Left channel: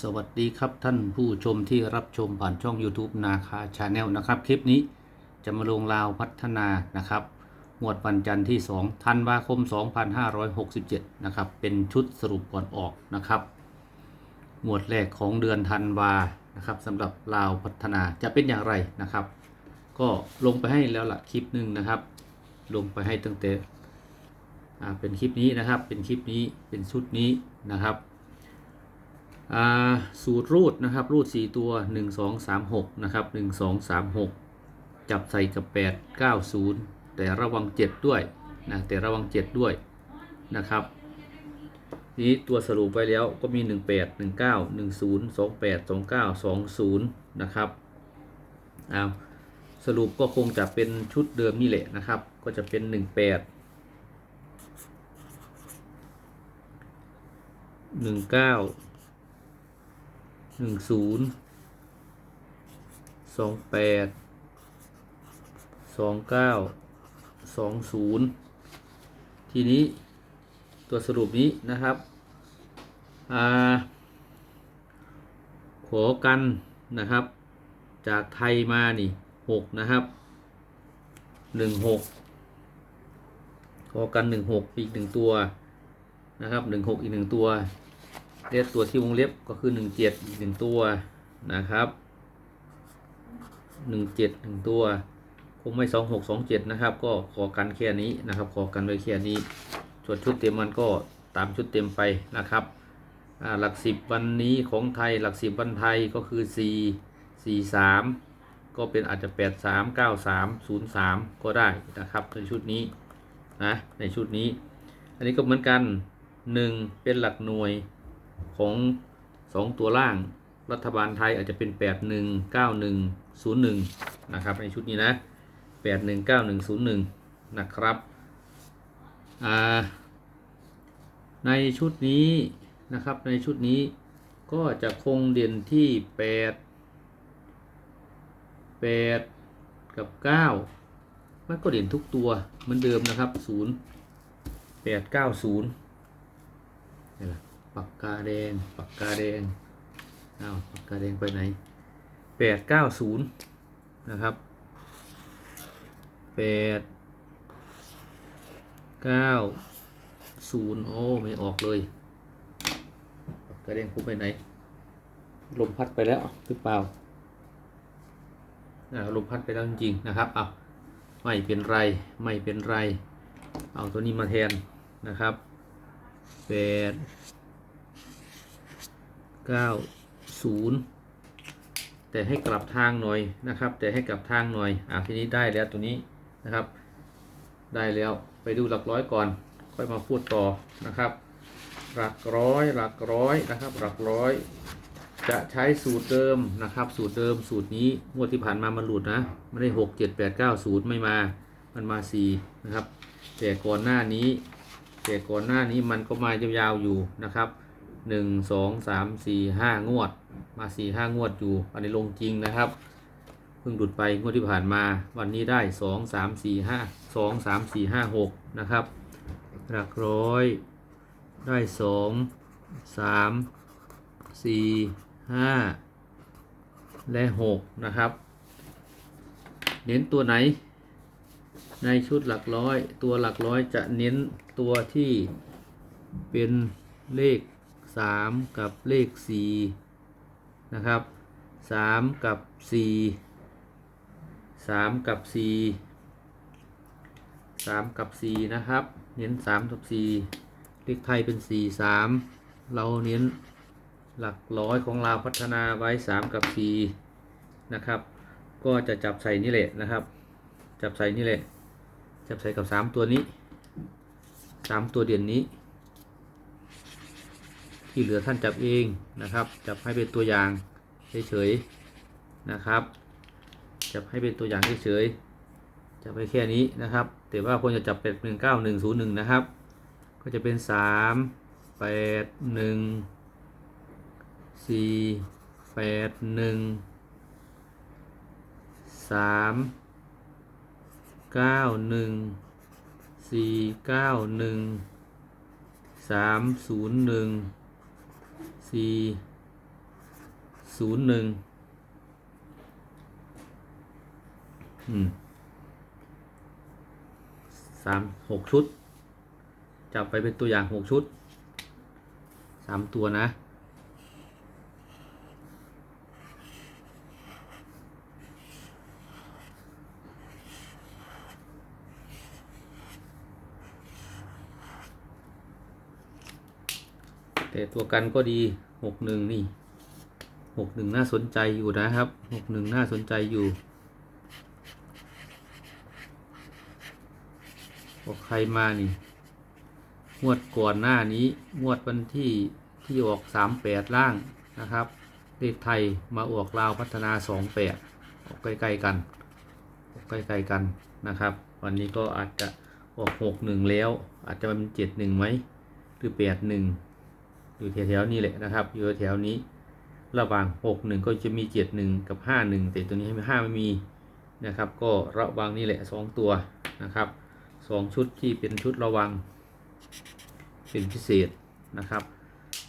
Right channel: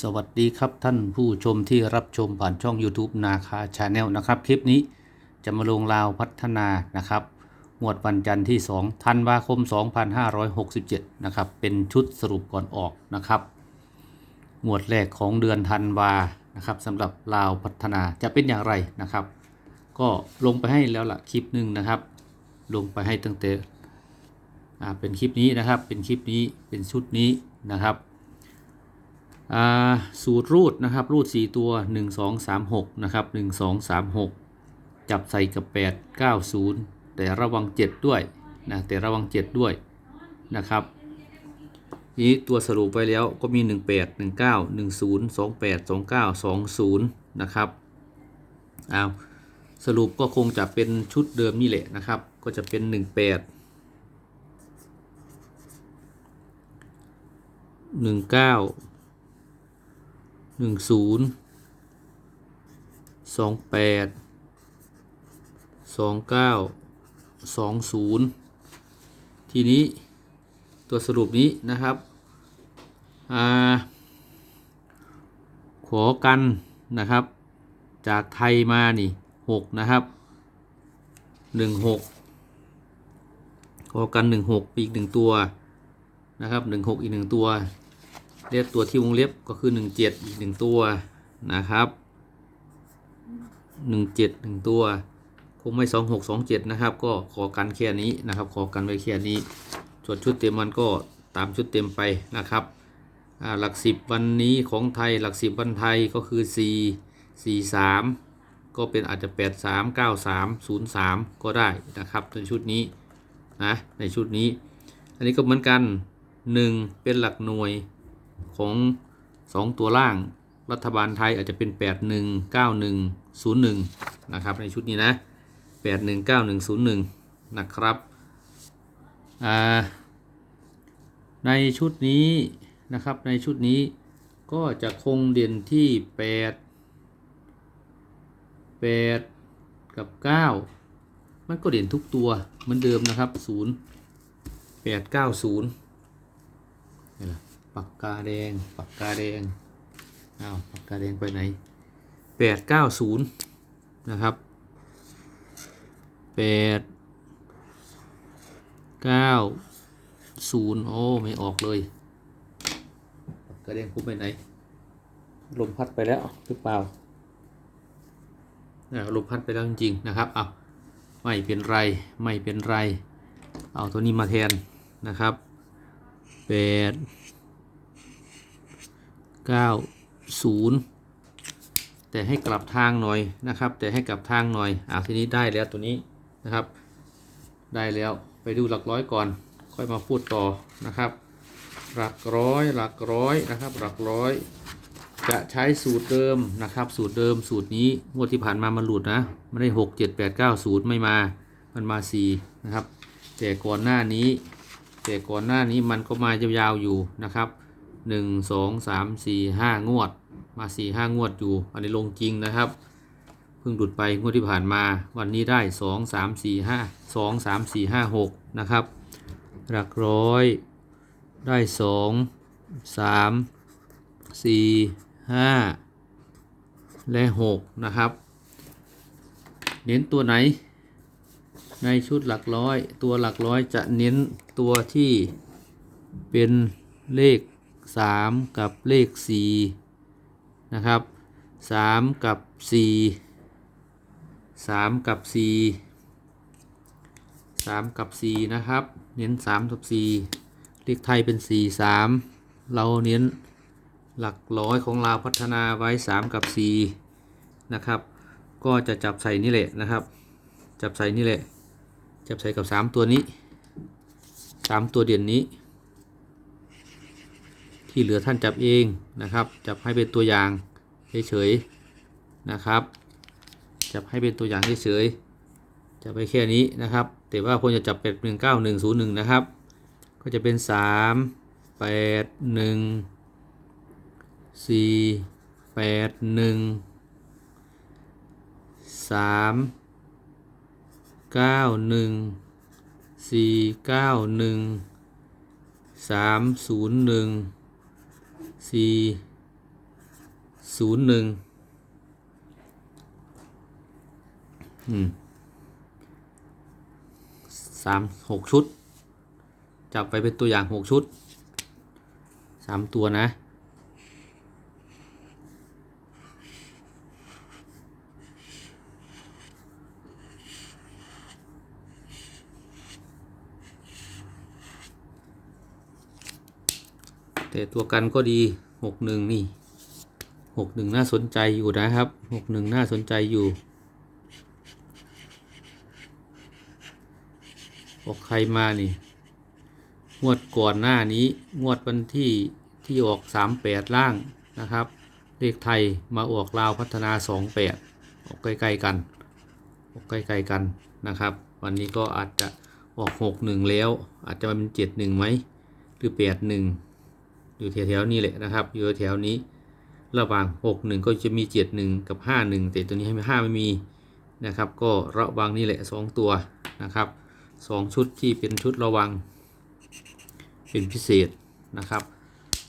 สวัสดีครับท่านผู้ชมที่รับชมผ่านช่อง YouTube นาคาชาแนลนะครับ คลิปนี้จะมาลงราวพัฒนานะครับหมวดวันจันทร์ที่2ธันวาคม 2567 นะครับ เป็นชุดสรุปก่อนออกนะครับ หมวดแรกของเดือนธันวานะครับสำหรับลาวพัฒนาจะเป็นอย่างไรนะครับ ก็ลงไปให้แล้วล่ะคลิปหนึ่งนะครับ ลงไปให้ตั้งแต่อ่าเป็นคลิปนี้นะครับ เป็นคลิปนี้เป็นชุดนี้นะครับ สูตรรูดนะครับรูด 4 ตัว 1 2 3 6นะครับ1 2 3 6 จับใส่กับ 8 9 0 แต่ระวัง 7 ด้วยนะแต่ระวัง 7 ด้วยนะครับนี้ตัวสรุปไปแล้วก็มี 18 19 10 28 29 20นะครับอ้าสรุปก็คงจะเป็นชุดเดิมนี่แหละนะครับ ก็จะเป็น 18 19 หนึ่งศูนย์สองแปดสองเก้าสองศูนย์ทีนี้ตัวสรุปนี้นะครับอ่าขอกันนะครับ จากไทยมานี่หกนะครับหนึ่งหกขอกันหนึ่งหกอีกหนึ่งตัวนะครับหนึ่งหกอีกหนึ่งตัว เล็บตัวที่วงเล็บก็คือ17อีก1ตัวนะครับ17 1ตัว คงไม่26 27นะครับ ก็ขอกันแค่นี้นะครับ ขอกันไว้แค่นี้ส่วนชุดเต็มมันก็ตามชุดเต็มไปนะครับหลัก10วันนี้ของไทยหลัก10วันไทยก็คือ4 4 3 ก็เป็นอาจจะ 8 3 9 3 0 3 ก็ได้นะครับในชุดนี้นะในชุดนี้ อันนี้ก็เหมือนกัน 1 เป็นหลักหน่วย ของ 2 ตัวล่างรัฐบาลไทยอาจจะเป็น 819101 นะครับ ในชุดนี้นะ 819101 นะครับในชุดนี้นะครับในชุดนี้ก็จะคงเด่นที่ 8 8 กับ 9 มันก็เด่นทุกตัวเหมือนเดิมนะครับ 0 8 9 0นี่แหละ ปากกาแดง ปากกาแดงอ้าวปากกาแดงไปไหนแปดเก้าศูนย์นะครับแปดเก้าศูนย์โอ้ไม่ออกเลยปากกาแดงพุ่ไปไหน ลมพัดไปแล้วหรือเปล่าอ่าลมพัดไปแล้วจริงๆนะครับเอาไม่เป็นไรไม่เป็นไร เอาตัวนี้มาแทนนะครับแปด 90 แต่ให้กลับทางหน่อยนะครับ แต่ให้กลับทางหน่อยอะทีนี้ได้แล้วตัวนี้นะครับ ได้แล้วไปดูหลักร้อยก่อน ค่อยมาพูดต่อนะครับ หลักร้อยหลักร้อยนะครับ หลักร้อย จะใช้สูตรเดิมนะครับ สูตรเดิมสูตรนี้งวดที่ผ่านมามันหลุดนะไม่ได้6 7 8 9 0ไม่มามันมา4นะครับ แต่ก่อนหน้านี้ แต่ก่อนหน้านี้มันก็มายาวๆอยู่นะครับ หนึ่งสองสามสี่ห้างวด มาสี่ห้างวดอยู่อันนี้ลงจริงนะครับเพิ่งหลุดไปงวดที่ผ่านมา วันนี้ได้สองสามสี่ห้าสองสามสี่ห้าหกนะครับ หลักร้อย ได้สองสามสี่ห้าและหกนะครับ เน้นตัวไหน ในชุดหลักร้อย ตัวหลักร้อยจะเน้นตัวที่เป็นเลข 3 กับเลข4นะครับ 3 กับ 4 3 กับ 4 3 กับ 4 นะครับ เน้น 3 กับ 4 เลขไทยเป็น 4 3 เราเน้นหลักร้อยของเราพัฒนาไว้ 3 กับ 4 นะครับ ก็จะจับใส่นี่แหละนะครับ จับใส่นี่แหละ จับใส่กับ 3 ตัวนี้ 3 ตัวเด่นนี้ ที่เหลือท่านจับเองนะครับ จับให้เป็นตัวอย่างเฉยๆนะครับ จับให้เป็นตัวอย่างเฉยๆจับไปแค่นี้นะครับ แต่ว่าควรจะจับเป็นหนึ่งเก้าหนึ่งศูนย์หนึ่งนะครับ ก็จะเป็นสามแปดหนึ่งสี่แปดหนึ่งสามเก้าหนึ่งสี่เก้าหนึ่งสามศูนย์หนึ่ง สี่ศูนย์หนึ่งอืมสามหกชุด จับไปเป็นตัวอย่างหกชุดสามตัวนะ แต่ตัวกันก็ดีหกหนึ่งนี่หกหนึ่งน่าสนใจอยู่นะครับหกหนึ่งน่าสนใจอยู่ออกใครมานี่งวดก่อนหน้านี้งวดวันที่ที่ออกสามแปดล่างนะครับเลขไทยมาออกลาวพัฒนาสองแปดออกใกล้ๆกันออกใกล้ๆกันนะครับ วันนี้ก็อาจจะออกหกหนึ่งแล้ว อาจจะเป็นเจ็ดหนึ่งไหมหรือแปดหนึ่ง อยู่แถวๆนี้แหละนะครับ อยู่แถวๆนี้ระหว่าง 6 1 ก็จะมี 7 1 กับ 5 1 แต่ตัวนี้ให้5ไม่มีนะครับ ก็ระวังนี่แหละ 2 ตัวนะครับ 2 ชุดที่เป็นชุดระวัง เป็นพิเศษนะครับ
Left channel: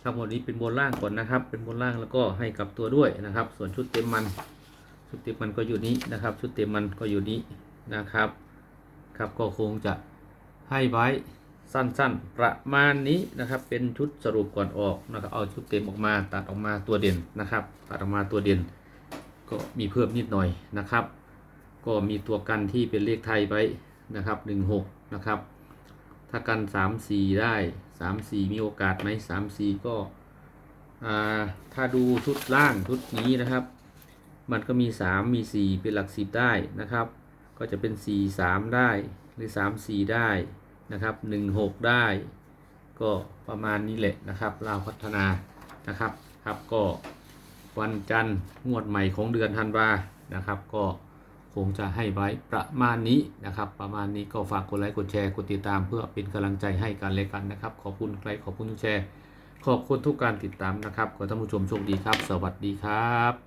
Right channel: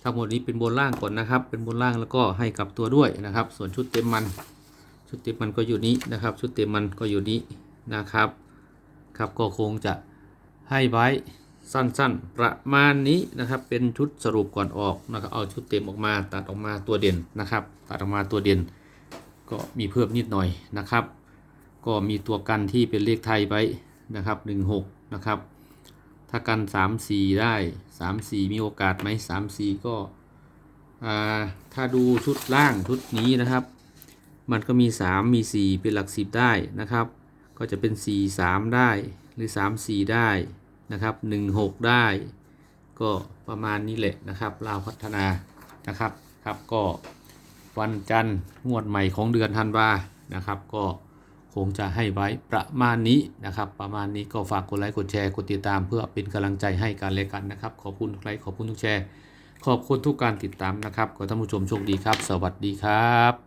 ทั้งหมดนี้เป็นบนล่างก่อนนะครับ เป็นบนล่างแล้วก็ให้กับตัวด้วยนะครับ ส่วนชุดเต็มมัน ชุดเต็มมันก็อยู่นี้นะครับ ชุดเต็มมันก็อยู่นี้นะครับ ครับก็คงจะให้ไว้ สั้นๆ ประมาณนี้นะครับ เป็นชุดสรุปก่อนออกนะครับเอาชุดเต็มออกมาตัดออกมาตัวเด่นนะครับ ตัดออกมาตัวเด่น ก็มีเพิ่มนิดหน่อยนะครับ ก็มีตัวกันที่เป็นเลขไทยไว้นะครับ16นะครับ ถ้ากัน 3 4 ได้ 3 4 มีโอกาสไหม3 4 ก็อ่าถ้าดูชุดล่างชุดนี้นะครับ มันก็มี 3 มี 4 เป็นหลัก 10 ได้นะครับ ก็จะเป็น 4 3 ได้หรือ 3 4 ได้ นะครับ1 6 ได้ก็ประมาณนี้แหละนะครับลาวพัฒนานะครับครับก็วันจันทร์งวดใหม่ของเดือนธันวานะครับ ก็คงจะให้ไว้ประมาณนี้นะครับ ประมาณนี้ก็ฝากกดไลค์กดแชร์กดติดตาม เพื่อเป็นกำลังใจให้กันเลยกันนะครับ ขอบคุณทุกไลค์ขอบคุณทุกแชร์ ขอบคุณทุกการติดตามนะครับขอท่านผู้ชมโชคดีครับ สวัสดีครับ